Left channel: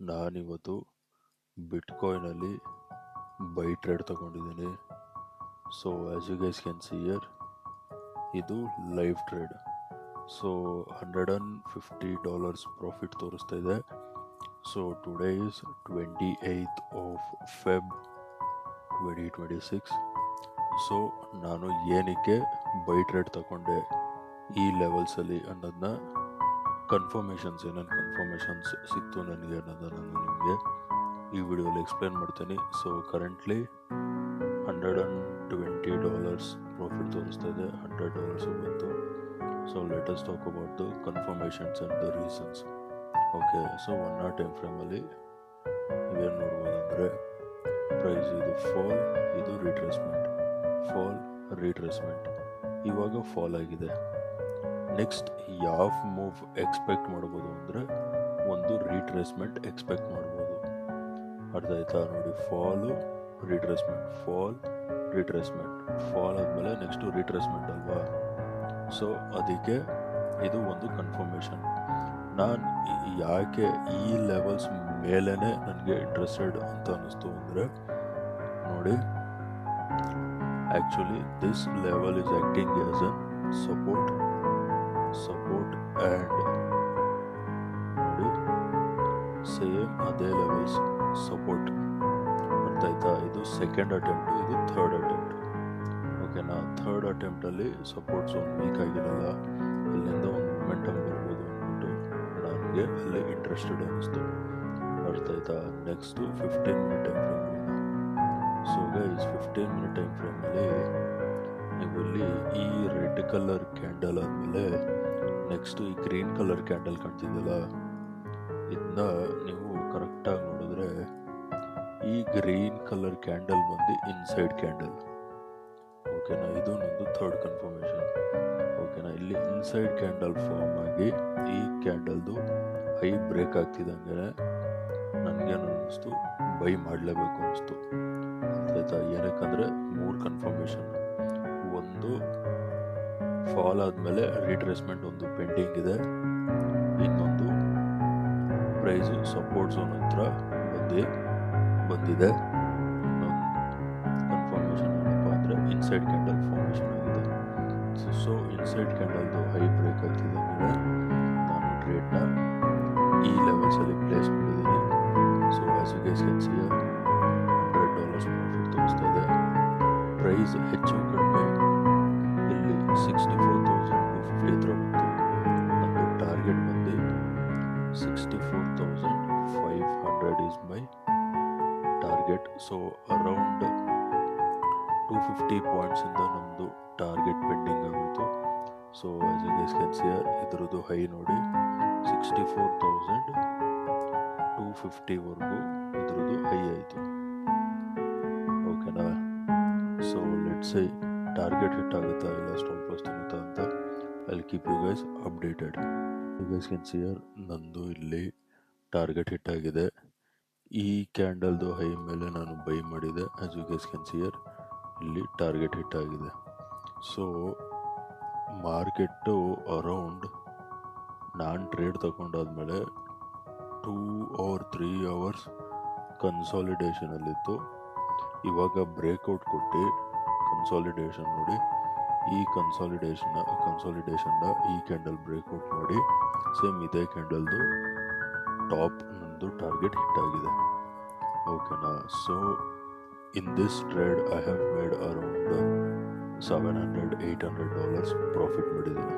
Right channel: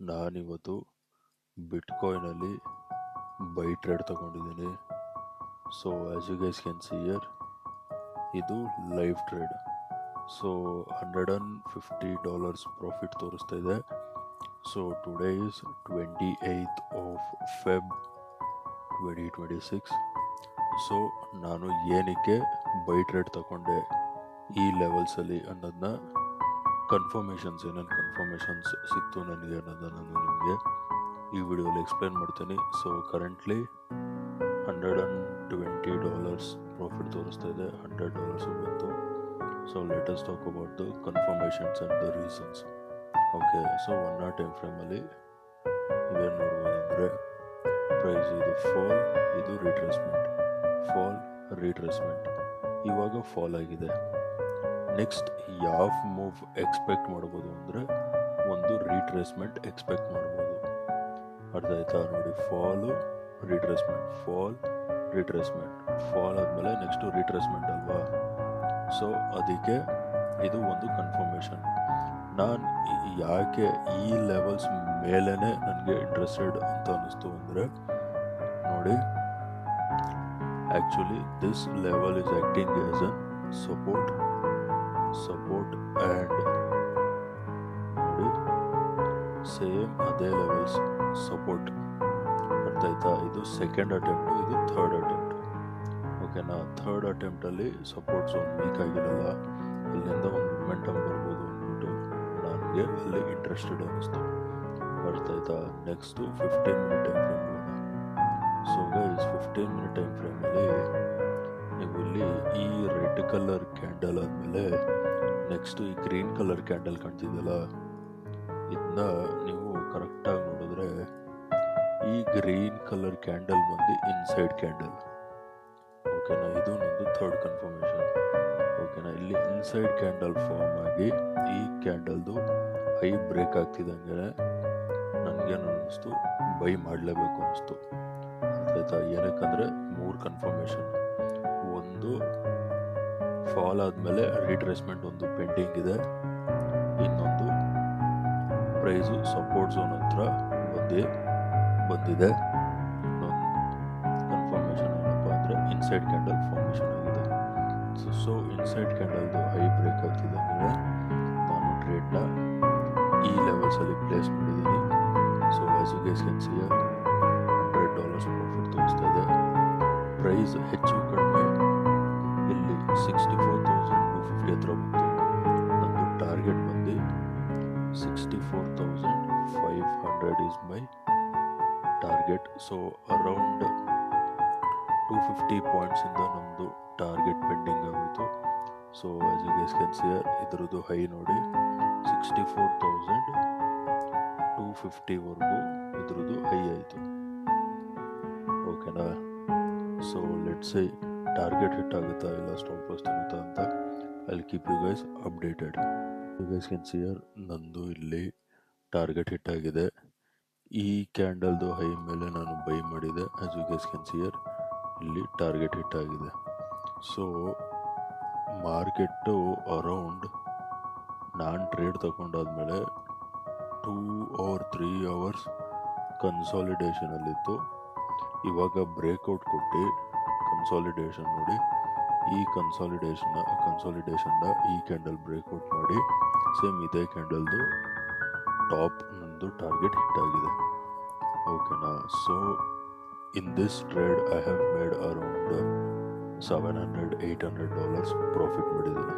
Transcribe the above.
ನಾನಿವತ್ತು ಬಿಟ್ಕಾಯಿನಲ್ಲಿ buy trade ತಗೊಂಡಿದ್ದೀನಿ. So as you guys can see here, ಇದು ಲೈವ್ ಟ್ರೇಡ್. ಸೊ $150 ಪ್ರಾಫಿಟ್ ತೋರಿಸ್ತಾ ಇದೆ. So today is 28th of Feb 2026. So ನಾನು ಏನಕ್ಕೆ ಬೈ ಟ್ರೇಡ್ ತಗೊಂಡೆ ಈ ಲೆವೆಲ್ಸಲ್ಲಿ ಅನ್ನೋದನ್ನ ಏನೇನು ಕನ್ಫರ್ಮೇಷನ್ಸ್ ಸಿಕ್ತು ನನಗೆ ಅನ್ನೋದನ್ನು ನಾನು ನಿಮಗೆ ಈ ವಿಡಿಯೋಲಿ ಎಕ್ಸ್ಪ್ಲೇನ್ ಮಾಡ್ತೀನಿ. ಸೊ ಕರೆಂಟ್ಲಿ $120 ಪ್ರಾಫಿಟ್ ತೋರಿಸ್ತಾ ಇದೆ, $100 ಬಂತು. So let us talk about the confirmations and the reasons. Okay, so 1 hour time ಫ್ರೇಮಲ್ಲಿ ನೀವೇನು ನೋಡ್ಬೋದಂದರೆ, ಪ್ರೈಸ್ ಇದು ಫಾಲ್, ಇದು ರಿಟ್ರೇಸ್ಮೆಂಟ್, ಫಾಲ್, ರಿಟ್ರೇಸ್ಮೆಂಟ್. ಇವಾಗ ಫಾಲ್ ಆಗಿದೆ. ನೆಕ್ಸ್ಟ್ ಯಾವ ಮೂವ್ ಎಕ್ಸ್ಪೆಕ್ಟ್ ಮಾಡ್ಬೋದು ಅಂದರೆ, ಒಂದು ರಿಟ್ರೇಸ್ಮೆಂಟ್ ಎಕ್ಸ್ಪೆಕ್ಟ್ ಮಾಡ್ಬೋದು. ಅರ್ಥ ಆಯ್ತಾ? ನೋಡಿ, fall, retracement, fall, retracement, fall ಆದಮೇಲೆ ನೆಕ್ಸ್ಟು ರಿಟ್ರೇಸ್ಮೆಂಟ್ ಅಲ್ವಾ. ಸೊ ಅದಕ್ಕೆ ಇದು ಒಂದು ಕನ್ಫರ್ಮೇಷನ್. ನಾನು ಯಾಕೆ ಈ ಲೆವೆಲ್ಸ್ ಮೇಲೇ ನನಗೆ ಇಂಟ್ರೆಸ್ಟೆಡ್ ಅಂತ ಅನ್ನಿಸ್ತು ಅಂದರೆ, ನೋಡಿ, actually this level is acting as an support and ನೋಡಿ ಸೇಮ್ ಅದೇ ಲೆವೆಲ್ಸ್ ಸಪೋರ್ಟ್. ಅರ್ಥ ಆಯ್ತಾ? ಇದು ಸೆಕೆಂಡ್ ಅಟೆಂಪ್ಟು, ಇದು ಥರ್ಡ್ ಅಟೆಂಪ್ಟ್. ಓಕೆನಾ? ಥರ್ಡ್ ಅಟೆಂಪ್ಟಲ್ಲಿ ಸಪೋರ್ಟ್ ಝೋನ್ ವೀಕ್ ಆಗಿರಲ್ಲ, ಇಲ್ಲಿಂದ ಒಂದು ಮೊಮೆಂಟಮ್ ಬರ್ಬೋದು ಅಂದ್ಬಿಟ್ಟು ನನಗೆ ಅಲ್ಲಿ ಇಂಟ್ರೆಸ್ಟೆಡ್ ಅನ್ನಿಸ್ತು. ಅರ್ಥ ಆಯ್ತಾ? ನೆಕ್ಸ್ಟು 15 minute ಟೈಮ್ ಫ್ರೇಮ್ ಹೋಗೋಣ. ಸೊ ಗೈಸ್, 15 minute ಟೈಮ್ ಫ್ರೇಮಲ್ಲಿ ನೀವು ಇಲ್ಲಿ ಈ ರೆಡ್ ಕಲರ್ ಕ್ಯಾಂಡಲ್ ಆದಮೇಲೆ ನೆಕ್ಸ್ಟು ಈ ಗ್ರೀನ್ ಕಲರ್ ಕ್ಯಾಂಡಲ್ ಕಾಣ್ತಿದೆಯಲ್ಲ, ಇದನ್ನ ನೀವು ಕರೆಕ್ಟಾಗಿ ನೋಡಿದ್ರೆ ಈ ಗ್ರೀನ್ ಕಲರ್ ಕ್ಯಾಂಡಲ್ ಬಂದು ಇನ್ಸೈಡ್ ಕ್ಯಾಂಡಲ್. ಓಕೆನಾ? ಇದು ನಂದು ಥರ್ಡ್ ಕನ್ಫರ್ಮೇಷನ್. ಓಕೆನಾ? ಇಲ್ಲಿ ಇನ್ಸೈಡ್ ಕ್ಯಾಂಡಲ್ ಫಾರ್ಮ್ ಆಗಿ ಈ ಕ್ಯಾಂಡಲ್ದು ಹೈ ಬ್ರೇಕ್ ಆಗ್ತಿದ್ದಂಗೆ ನನಗೇನು ಅನ್ನಿಸ್ತು, ಬೈ ಮಾಡಲೇಬೇಕು ಅನ್ನಿಸ್ತು. ಆಯ್ತಾ? ಏನಕ್ಕಂದರೆ 3 ಕನ್ಫರ್ಮೇಷನ್. ಒಂದು, ಫಾಲ್ ಆದಮೇಲೆ ರಿಟ್ರೇಸ್ಮೆಂಟ್ ಒಂದು ಪೆಂಡಿಂಗ್ ಇದೆ. ಇನ್ನೊಂದು, ಪ್ರೈಸು ಸಪೋರ್ಟ್ ಝೋನ್ ಹತ್ರ ಬಂದಿದೆ. ಇನ್ನೊಂದು ಕನ್ಫರ್ಮೇಷನ್ ಏನಪ್ಪ ಅಂದರೆ, ಇನ್ಸೈಡ್ ಕ್ಯಾಂಡಲ್ ಫಾರ್ಮೇಷನ್ ಆಗಿದೆ. ಸೊ ಇನ್ಸೈಡ್ ಕ್ಯಾಂಡಲ್ದು ಹೈ ಬ್ರೇಕ್ ಆಗ್ತಿದ್ದಂಗೆ ನಾನು ಟ್ರೇಡ್ನ ಈ ಲೆವೆಲ್ಸಲ್ಲಿ ಪ್ಲೇಸ್ ಮಾಡಿದ್ದೀನಿ. So as you guys can see here, $100 profit ತೋರಿಸ್ತಾ ಇದೆ. ಪ್ರೈಸ್ ಹೆಚ್ಚು ಕಡಿಮೆ ಇಲ್ಲಿ 64,250 ಹತ್ರ ಬಂತು. ನಮ್ಮದು ಟಾರ್ಗೆಟ್ ಬಂದು 64,500 is my target. So around 250 ಪಾಯಿಂಟ್ಸಿಂದ ನಮ್ಮದು ಟಾರ್ಗೆಟ್ ಪೆಂಡಿಂಗ್ ಆಗೋಯಿತು. So as you guys can see here, ಇದರದ್ದು ಹೈ ನೋಡಿ 64,250ವರೆಗೂ ಇದ್ರದ್ದು ಹೈ ಆಯಿತು. ಓಕೆನಾ? So let's say target hit ಆಗುತ್ತಾ ಇಲ್ಲ ಸ್ಟಾಪ್ ಲಾಸ್ ತಿನ್ನುತ್ತಾ ಅಂತ I will keep you guys updated. You guys can see here, ನಂದು ಇಲ್ಲಿ ಟಾರ್ಗೆಟ್ ಹಿಟ್ ಆಗಿದೆ. ಈ ಕ್ಯಾಂಡಲ್ದು ಹೈ ಮೇಲೆ ನಾನು ಬೈ ಮಾಡಿದೆ. As you guys can see here, ಇಲ್ಲಿ ಟಾರ್ಗೆಟ್ ಹಿಟ್ ಆಗಿದೆ. ಸೊ ಮಾರ್ಕೆಟ್ಟು ಅರೌಂಡ್ ನಾನು ಟ್ರೇಡ್ ತಗೊಂಡಾದ್ಮೇಲೆ 2 or 3 hours ಕನ್ಸಾಲಿಡೇಷನಲ್ಲಿತ್ತು. ಇವಾಗ ಬ್ರೇಕ್ಔಟ್ ಕೊಟ್ಟು ಕನ್ಸಾಲಿಡೇಷನ್ ನೋಡಿ, ಈ ಕನ್ಸಾಲಿಡೇಷನ್ನ ಈ ಕ್ಯಾಂಡಲ್ ಬ್ರೇಕ್ಔಟ್ ಮಾಡಿ ಸೇಮ್ ಇದೇ ಕ್ಯಾಂಡಲ್ದು ಟಾಪ್ ನಂದು ಟಾರ್ಗೆಟ್ ಹಿಟ್ ಆಗಿದೆ. ಓಕೆನಾ? So in this trade I have made around $700-800 profit ಮಾಡಿದ್ದೀನಿ.